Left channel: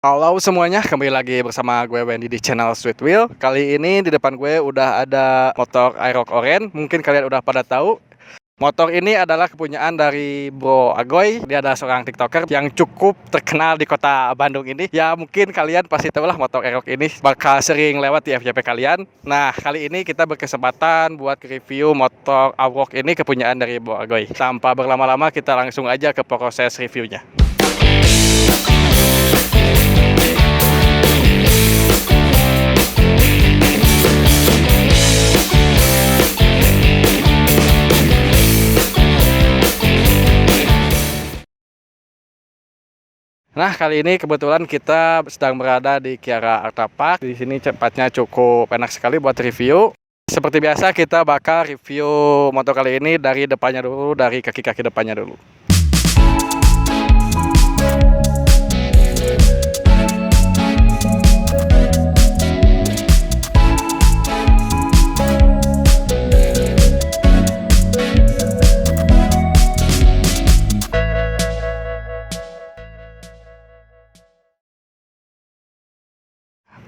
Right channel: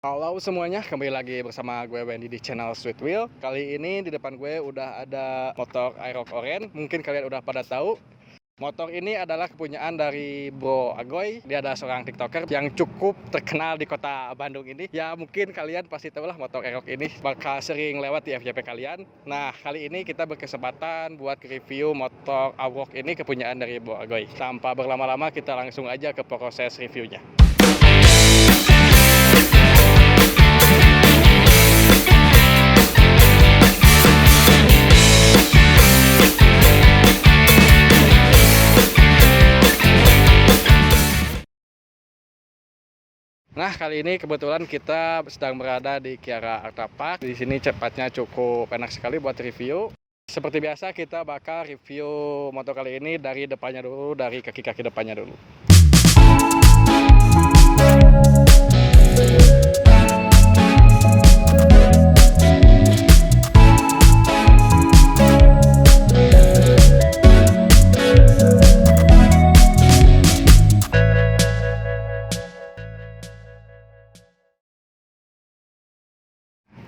Halo semuanya, kembali lagi bersama gue Wendy di channel Sweet Wheel. Kali ini di depan gue udah ada motor Aerox Orange. Mungkin kalian udah pada tahu. Motor ini adalah kepunyaan dari Bro Agoy. Dia adalah seorang TikToker yang cukup terkenal di kota Bandung ini. Ya mungkin kalian pasti tahu lah motor Aerox ini bakal sering lewat di FYP kalian. Nah kali ini kita berkesempatan buat review motor Aerox ini kepunyaan dari Bro Agoy. Tanpa berlama-lama kita langsung aja ke proses reviewnya. Nah, kali ini kebetulan kita sedang berada di Kiara Art Park. Di sini cepatnya cukup enak sekali buat review. Seperti biasa kita bakal review motor kali ini dari depannya dulu, dari kaki-kaki depannya dulu.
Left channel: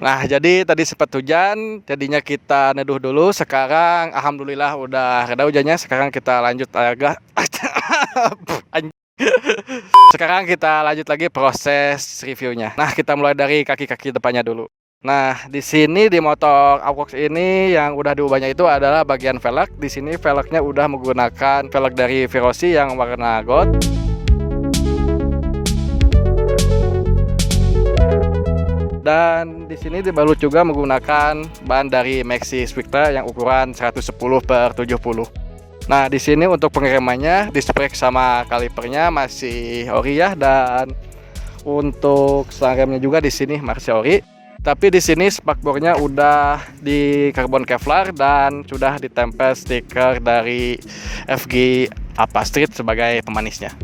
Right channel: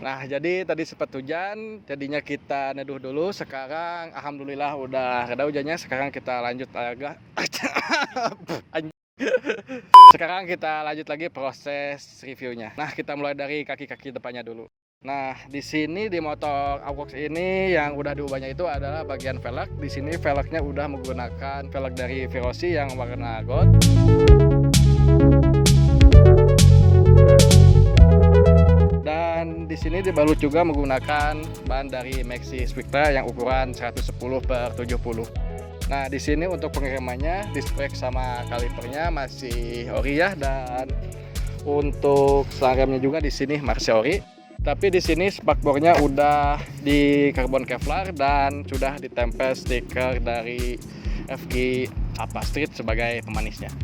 Nah, jadi tadi sempat hujan, jadinya kita neduh dulu. Sekarang alhamdulillah udah reda hujannya. Sekarang kita lanjut agak Sekarang kita lanjut lagi proses reviewnya. Nah, kita mulai dari kaki-kaki depannya dulu. Nah, di sini di motor Aerox ini yang udah diubahnya itu adalah bagian velg. Di sini velgnya udah menggunakan velg dari Verosi yang warna gold. Dan di sini dibalut juga menggunakan ban dari Maxxis Victra yang ukuran 110/70. Nah, di sini untuk pengeremannya disprek sama kalipernya masih ori ya, dan untuk selang remnya juga di sini masih ori. Tapi di sini spakbornya udah di karbon Kevlar dan sudah ditempel stiker dari FG Alpha Street sebagai pemanisnya.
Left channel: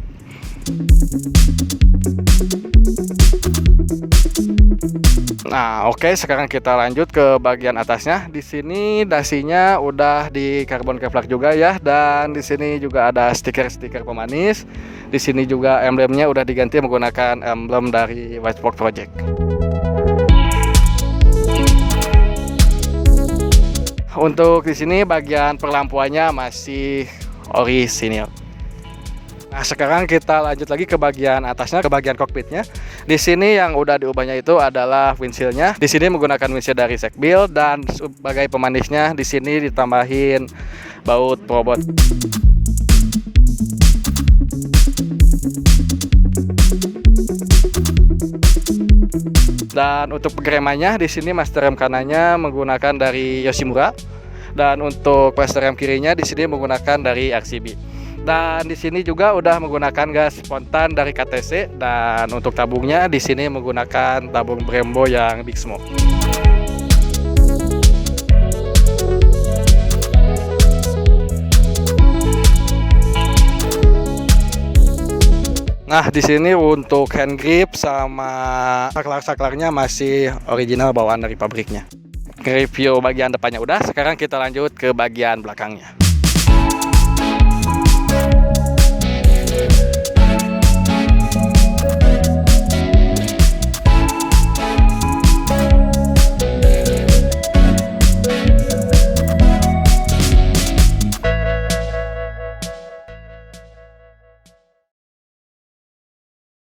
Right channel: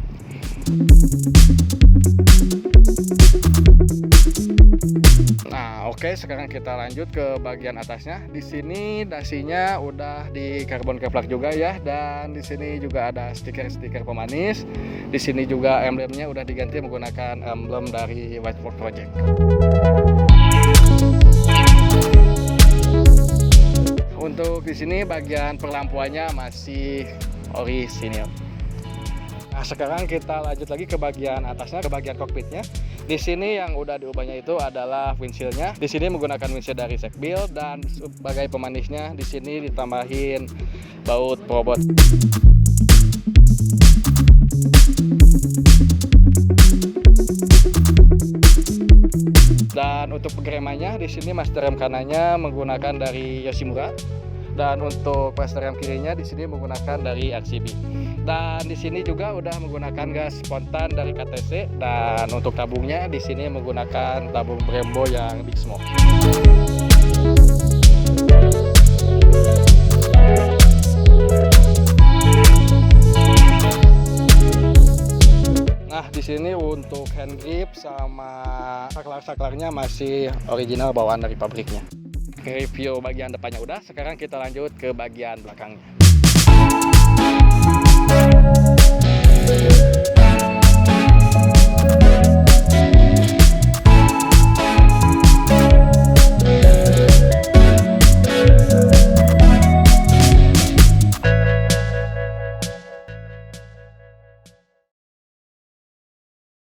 Nah, oke, sekarang kita lanjut ke bagian atasnya. Di sini dasinya udah di karbon Kevlar juga ya, dan di sini juga ada stiker-stiker pemanis. Di sini juga emblemnya udah diganti menggunakan emblem dari Whiteboard Project. Untuk di sini bagian perlampuannya masih orisinil. Nah, sekarang kita lanjut lagi ke bagian atasnya, ke bagian kokpitnya. Di sini yang udah diubahnya itu adalah windshieldnya. Di sini menggunakan windshield dari Sekbil, dan sebagai pemanisnya di sini ditambahin baut Probot. Dan untuk pengeremannya di sini master rem kanannya menggunakan dari Yoshimura, dan untuk master rem kirinya di sini menggunakan dari RCB. Dan di sini juga udah menggunakan gas spontan dari KTC, dan untuk tabungnya di sini menggunakan tabung Brembo yang Big Smoke. Nah, di sini untuk hand grip sama saklar-saklarnya masih original bawaan dari pabriknya. Review bagian depannya udah, sekarang kita lanjut ke bagian belakangnya.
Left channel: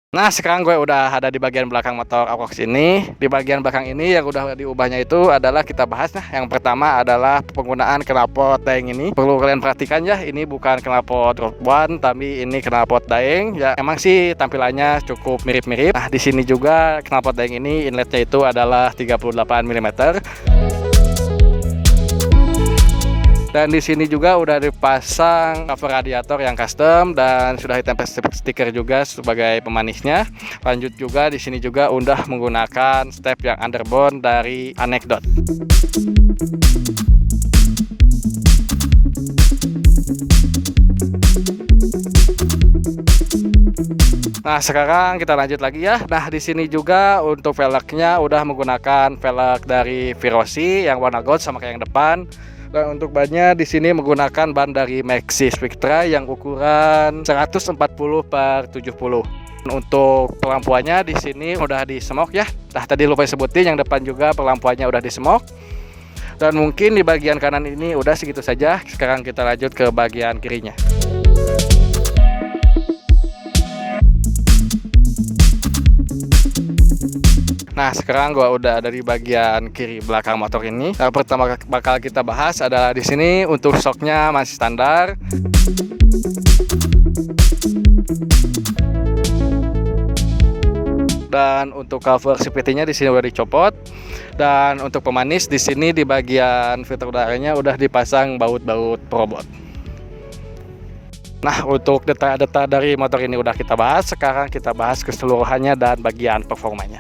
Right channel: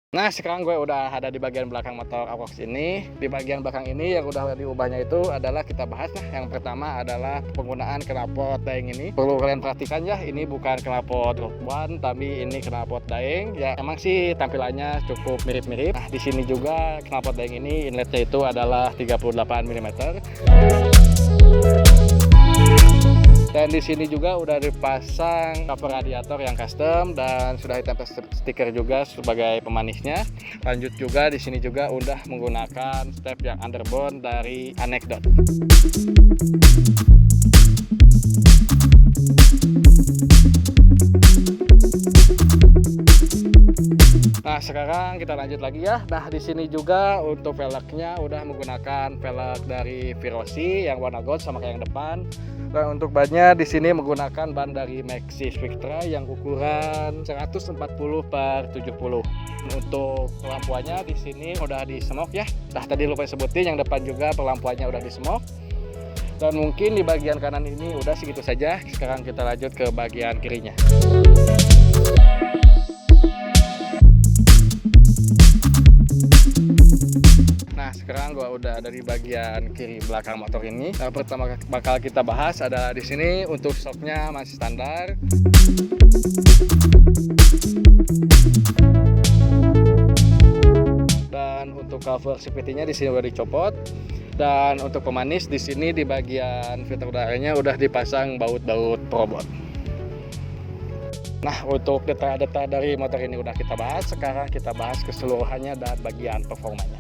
Nah, sekarang gue udah ada di bagian belakang motor Aerox ini. Di bagian belakang ini yang udah diubahnya itu adalah kita bahas. Nah, yang pertama adalah penggunaan knalpot daeng ini. Perlu kalian perhatikan ya, ini bukan knalpot Rogue One, tapi ini knalpot daeng. Ya, emang sih tampilannya cukup mirip-mirip. Nah, di sini juga knalpot daeng ini inletnya itu adalah 38 mm. Dan di sini juga udah dipasang cover radiator yang custom dan sudah ditempel stiker juga sebagai pemanisnya. Lanjut juga di sini juga udah menggunakan step yang underbone dari Anecdote. Nah, sekarang kita lanjut lagi ya. Nah, di sini juga untuk velgnya udah menggunakan velg dari Verosi yang warna gold sama kayak yang depan. Dan untuk bannya di sini menggunakan ban dari Maxxis Victra yang ukuran 140/70. Untuk pelampuannya di sini udah di semok ya. Nah, tadi lupa sebutin yang depan juga pelampuannya udah di semok. Dan mungkin di bagian kanan ini udah segitu saja. Sekarang kita lanjut ke bagian kirinya. Nah, sekarang gua udah ada di bagian kiri belakang motor ini. Nah, pertama bakal kita bahas adalah di sini untuk shocknya masih standar. Dan untuk cover CVT-nya di sini udah dicopot. Dan untuk pemanis di sini di bagian filter udaranya udah dipasang baut-baut perobot. Nah, untuk detail-detail dari motor ini udah kita bahas. Sekarang kita bahas keseluruhannya dan bagian performanya.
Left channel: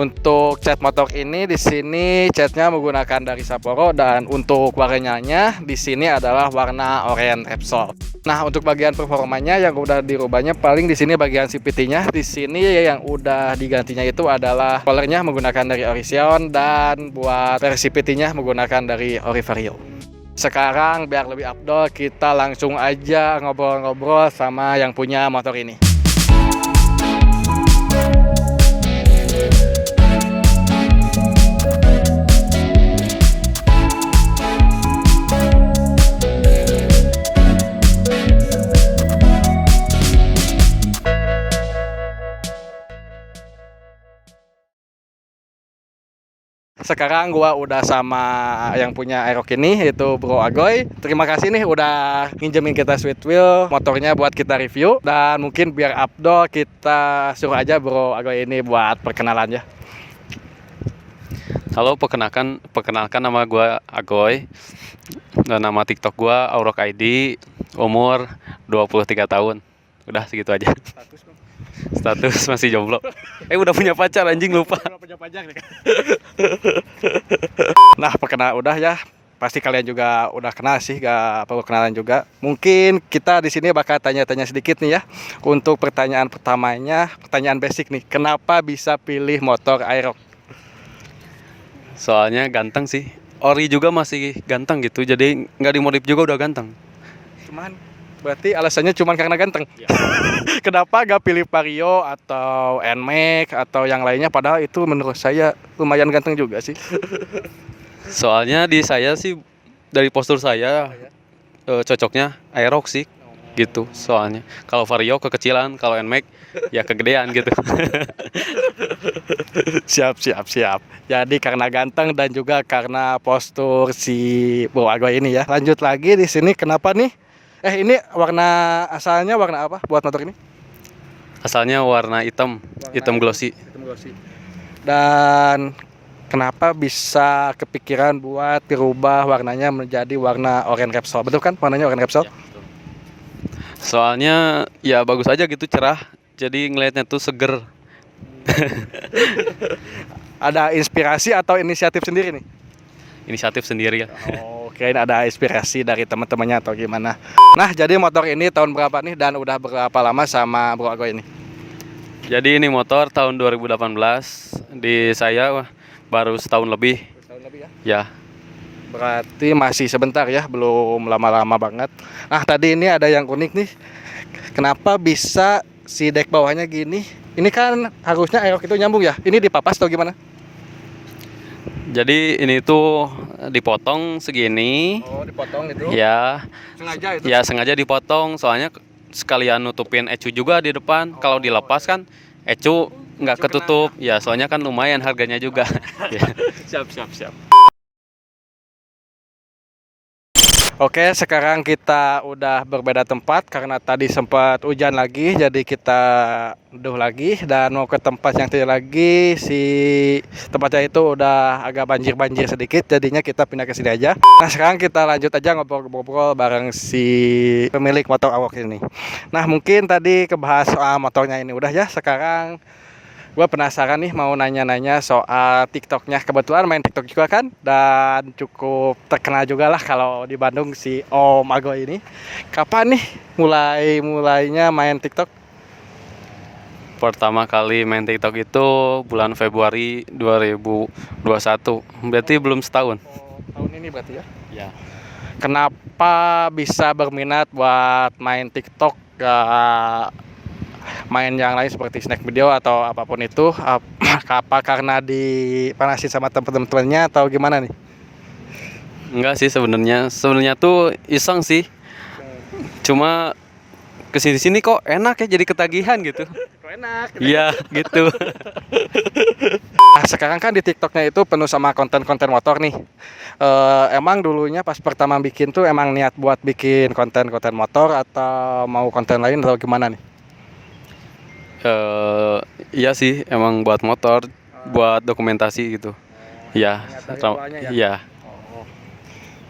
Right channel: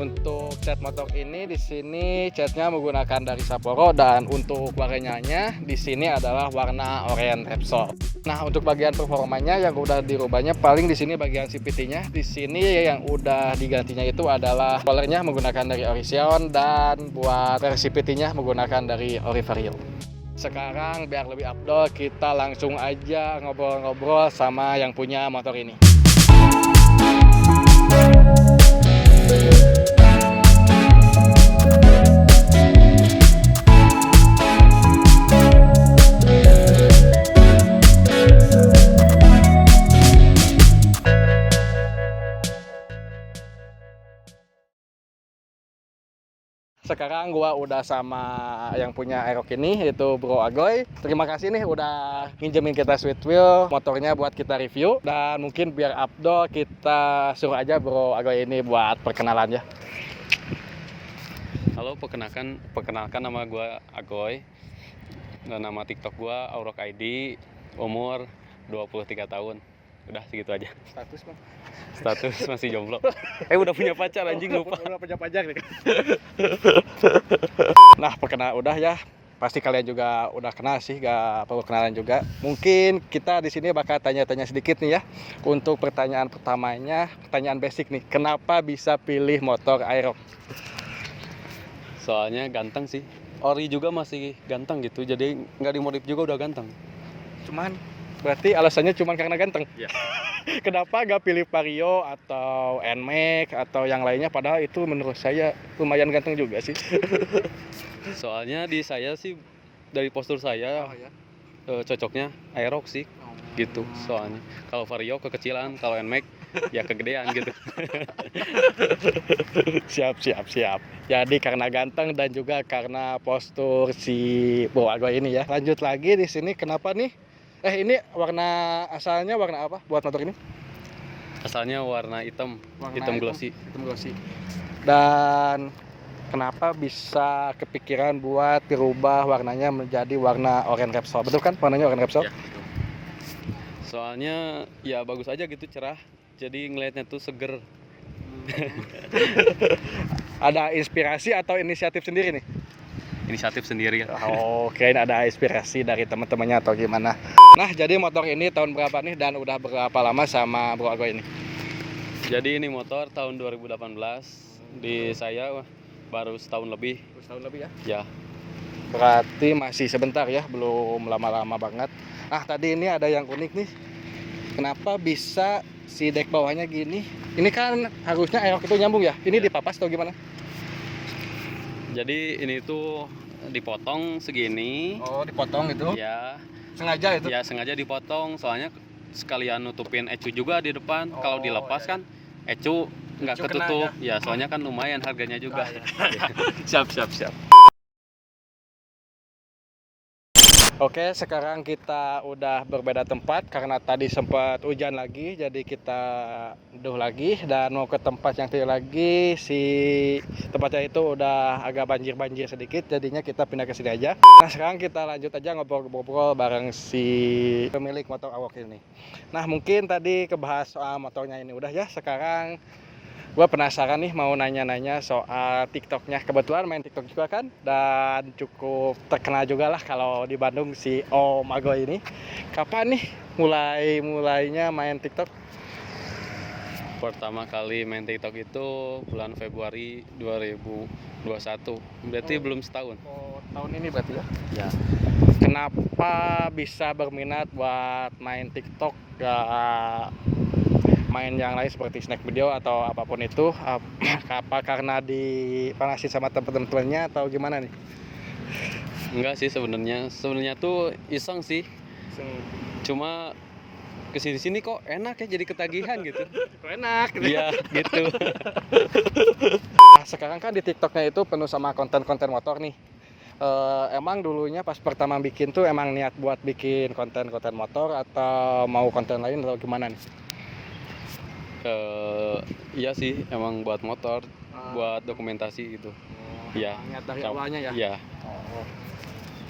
Untuk cat motor ini di sini catnya menggunakan dari Sapporo dan untuk warnanya di sini adalah warna oranye Repsol. Nah, untuk bagian performanya yang udah dirubahnya paling di sini bagian CVT-nya. Di sini yang udah digantinya itu adalah colornya menggunakan dari Orition dan buat versi CVT-nya menggunakan dari Orivario. Sekarang biar lebih afdol kita langsung aja ngobrol-ngobrol sama yang punya motor ini. Sekarang gua udah sama yang punya Aerox ini yaitu Bro Agoy. Terima kasih nih udah minjemin kita Sweet Wheel motornya buat kita review. Dan mungkin biar afdol kita suruh aja Bro Agoy ini buat perkenalannya. Halo, perkenalkan nama gua Agoy. Dan nama TikTok gua Aurok ID, umur 23 tahun. Udah segitu aja. Status Bang. Status masih jomblo. Udah punya pacar, anjing, lupa. Udah punya pacar. Nah, perkenalan udah ya. Pasti kalian juga udah kenal sih, gak perlu kenalan juga. Mungkin kita di sini bakal tanya-tanya sedikit nih ya. Untuk pertanyaan pertamanya, pertanyaan basic nih. Kenapa bisa pilih motor Aerox? Soalnya ganteng sih. Ori juga masih ganteng gitu. Jadi nggak dimodif juga udah ganteng. Berarti alasannya cuma karena ganteng. Ya. Kenapa gak pilih Vario atau NMAX atau yang lainnya? Padahal itu menurut saya lumayan ganteng juga sih. Soalnya di saya sih dari postur saya cocoknya Aerox sih gitu. Soalnya kalau Vario kekecilan, kalau NMAX ya kegedean gitu. Siap. Jadi karena ganteng dan juga karena postur si Bro Agoy ini ya. Lanjut lagi di sini kenapa nih? Ini asalnya warna apa buat motor ini? Asalnya warna hitam glossy. Hitam glossy. Dan kenapa bisa kepikiran buat dirubah warnanya menjadi warna oranye Repsol? Betul kan warnanya oranye Repsol? Ya. Soalnya ya bagus aja gitu, cerah. Jadi ngelihatnya tuh seger. Ada inspirasi atau inisiatif sendiri nih? Inisiatif sendiri ya. Oke, ada inspirasi dari teman-temannya atau gimana? Nah, jadi motor ini tahun berapa nih dan udah berapa lama sama Bro Agoy ini? Jadi ini motor tahun 2018, di saya baru setahun lebih. Setahun lebih ya? Ya. Berarti masih sebentar ya, belum lama-lama banget. Nah, tadi ini ada yang unik nih. Kenapa bisa si dek bawahnya gini? Ini kan harusnya Aerox itu nyambung ya? Ini dipapas atau gimana? Jadi ini tuh dipotong segini. Oh, dipotong itu? Ya. Sengaja itu? Ya, sengaja dipotong soalnya sekalian nutupin ecu juga di depan. Kalau dilepas kan ecu nggak ketutup. Ya, soalnya kan lumayan harganya juga. Siap. Oke, sekarang kita udah berbeda tempat karena tadi sempat hujan lagi, jadi kita duh lagi dan mau ke tempat yang tadi lagi. Si tempatnya itu udah agak banjir sedikit, jadinya kita pindah ke sini aja. Nah, sekarang kita lanjut aja ngobrol-ngobrol bareng si pemilik motor Aerox ini. Nah, mungkin tadi kebahas soal motornya ini udah ya. Sekarang gue penasaran nih mau nanya-nanya soal TikToknya. Kebetulan main TikTok juga kan, dan cukup terkenal juga lah kalau di Bandung si Om Agoy ini. Kapan nih mulainya main TikTok? Pertama kali main TikTok itu bulan Februari 2021. Berarti belum setahun. tahun ini berarti ya. Ya. Kenapa bisa berminat buat main TikTok, gak main yang lain seperti snack video atau apapun itu? Apa karena dipanasin sama temen-temennya atau gimana nih? Enggak sih sebenarnya tuh iseng sih, cuma kesini-sini kok enak ya, jadi ketagihan gitu. Enak. Iya gitu. Nah, sekarang kan di TikToknya itu penuh sama konten-konten motor nih. Emang dulunya pas pertama bikin tuh emang niat buat bikin konten-konten motor atau mau konten lain atau gimana nih? Iya sih, emang buat motor, buat dokumentasi gitu. Iya. Niat dari awalnya ya? Iya.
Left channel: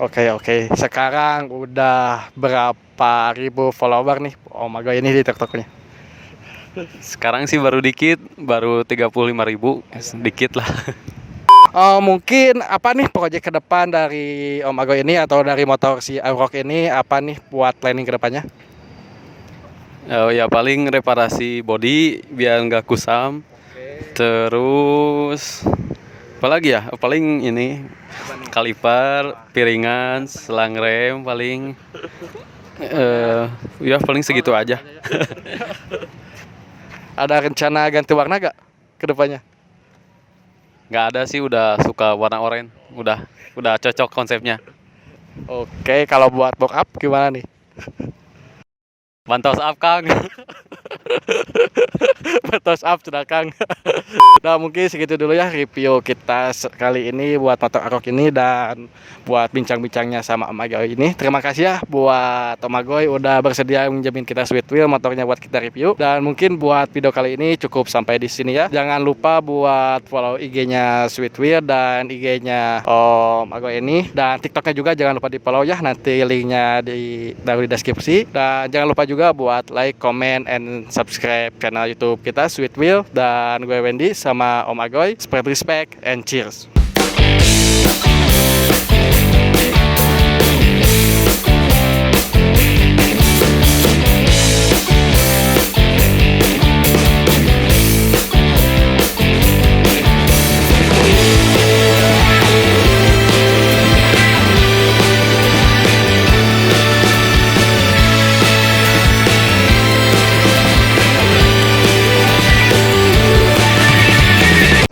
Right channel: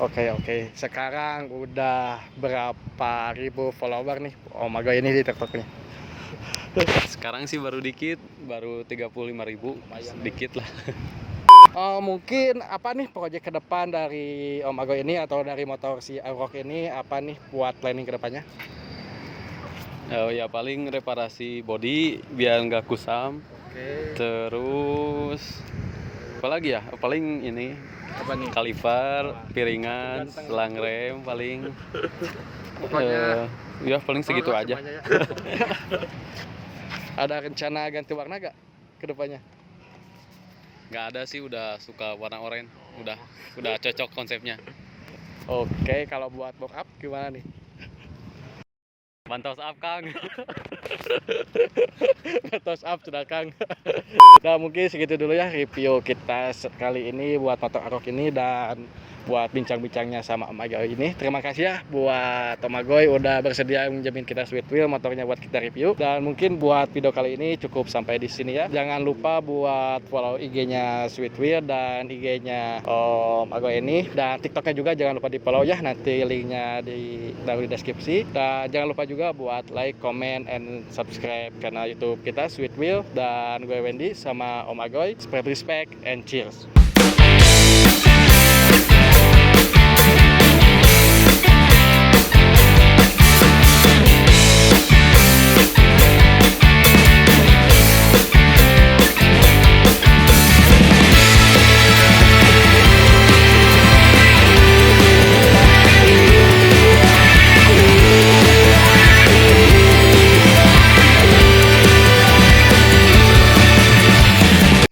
Oke. Sekarang udah berapa ribu follower nih Om Agoy ini di TikToknya? Sekarang sih baru dikit, baru 35.000, dikit lah. Mungkin apa nih proyek ke depan dari Om Agoy ini atau dari motor si Aerox ini, apa nih buat planning ke depannya? Ya paling reparasi bodi biar nggak kusam. Terus apa lagi ya? Paling ini kaliper, piringan, selang rem paling. Ya paling segitu aja. Ada rencana ganti warna gak ke depannya? Nggak ada sih, udah suka warna oranye. Udah cocok konsepnya. Oke, kalau buat box up gimana nih? Bantos up Kang. Betos up sudah Kang. Nah mungkin segitu dulu ya review kita kali ini buat motor Aerox ini dan buat bincang-bincangnya sama Om Agoy ini. Terima kasih ya buat Om Agoy udah bersedia menjamin kita Sweet Wheel motornya buat kita review. Dan mungkin buat video kali ini cukup sampai di sini ya. Jangan lupa buat follow IG-nya Sweet Wheel dan IG-nya Om Agoy ini, dan TikToknya juga jangan lupa di follow ya. Nanti linknya taruh di deskripsi. Dan jangan lupa juga buat like, comment, and subscribe channel YouTube kita Sweet Wheel. Dan gue Wendy sama Om Agoy, spread respect and cheers.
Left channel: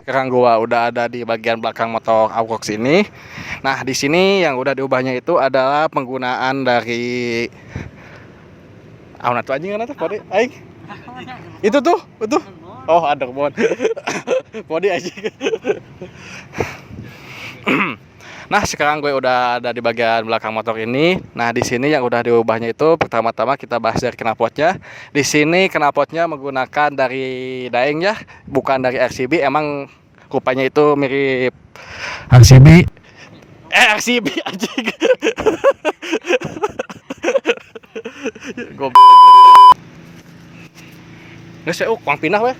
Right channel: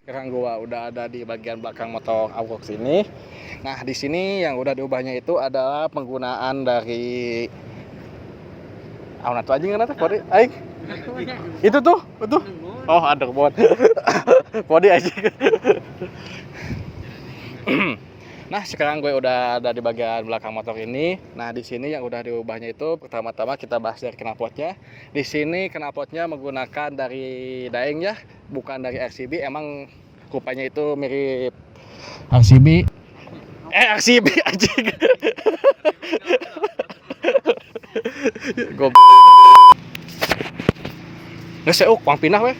Sekarang gua udah ada di bagian belakang motor Aerox ini. Nah, di sini yang udah diubahnya itu adalah penggunaan dari tuh anjing kan kode aing. Itu tuh. Oh, ada buat. Kode anjing. Nah, sekarang gue udah ada di bagian belakang motor ini. Nah, di sini yang udah diubahnya itu pertama-tama kita bahas dari knalpotnya. Di sini knalpotnya menggunakan dari Daeng ya, bukan dari RCB. Emang rupanya itu mirip RCB. RCB anjing. Gue ngesuk, kuang pindah weh.